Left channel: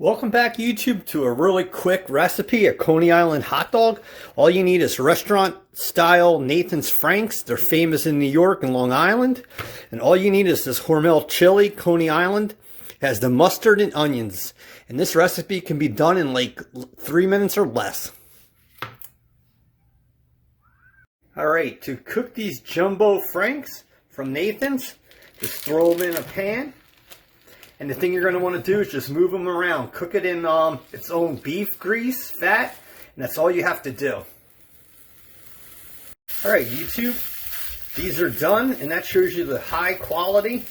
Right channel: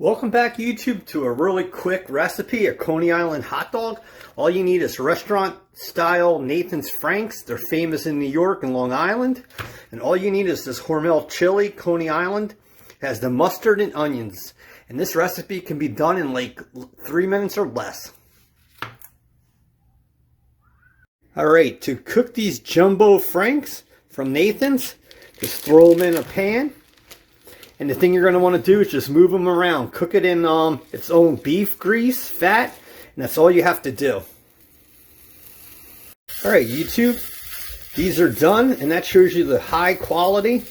Welcome back, YouTube, to a really quick recipe, a Coney Island hot dog. All you need is restaurant style Nathan's Franks. They're famous in New York and Long Island. And all you need is this Hormel chili, Coney Island. It has the mustard and onions. And this recipe can be done in like 3 minutes or less. Alright, to cook these jumbo Franks from Nathan's, just throw them in a pan. And the thing you're going to want to do is just move them around. Cook it in its own beef grease, fat, and that's all you have to do. Alright, YouTube, these are done, and that shows you the high quality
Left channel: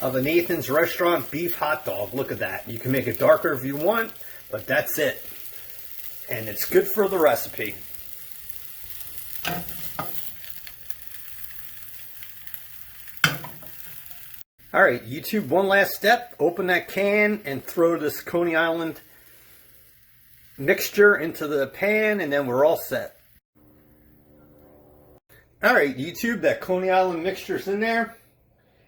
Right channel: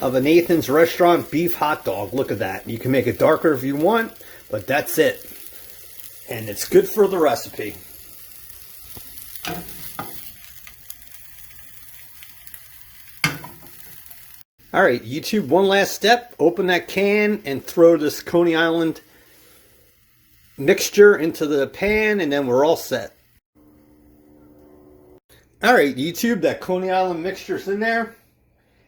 of a Nathan's restaurant beef hot dog. Look at that. You can make it darker if you want, but that's it. And it's good for the recipe. Alright, YouTube, one last step. Open that can and throw this Coney Island mixture into the pan, and then we're all set. Alright, YouTube, that Coney Island mixture's in there.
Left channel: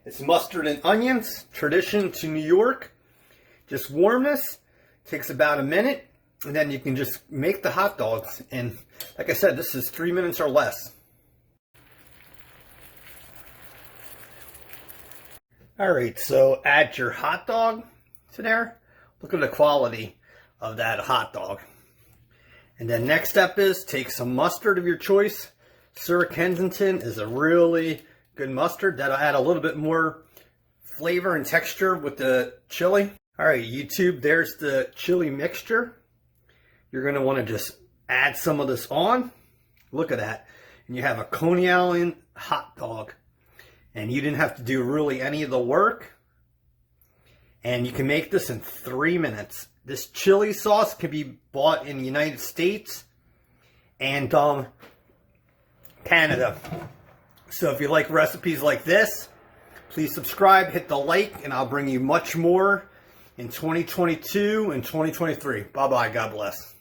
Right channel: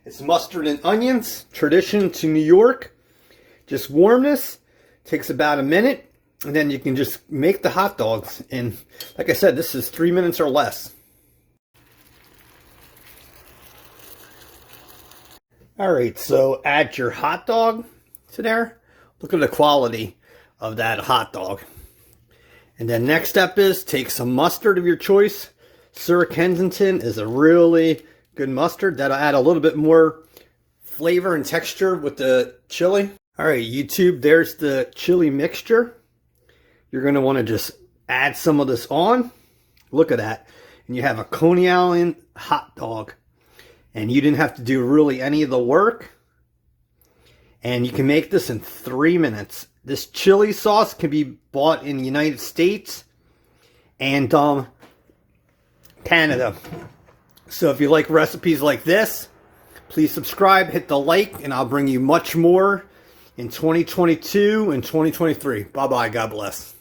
It's mustard and onions, tradition to New York. Just warm this. Takes about a minute, and then you can just make the hot dogs. And like I said, this is 3 minutes or less. Alright, so add your hot dog to there. Look at the quality of that hot dog. And then next step is take some mustard of your choice. Sir Kensington is a really good mustard. That'll add a little bit more flavor and texture with the chili. Alright, YouTube, there's the chili mixture. You're going to want to just add some of this on. Look at that. And you have a Coney Island hot dog. And you didn't have to do really any of the work. And you can make this in 3 minutes. This chili sauce can be bought in the United States and Canada. So if you like recipes like this, please subscribe, hit the like, and I'll bring you much more in 2022 and 2023. Bye-bye. God bless.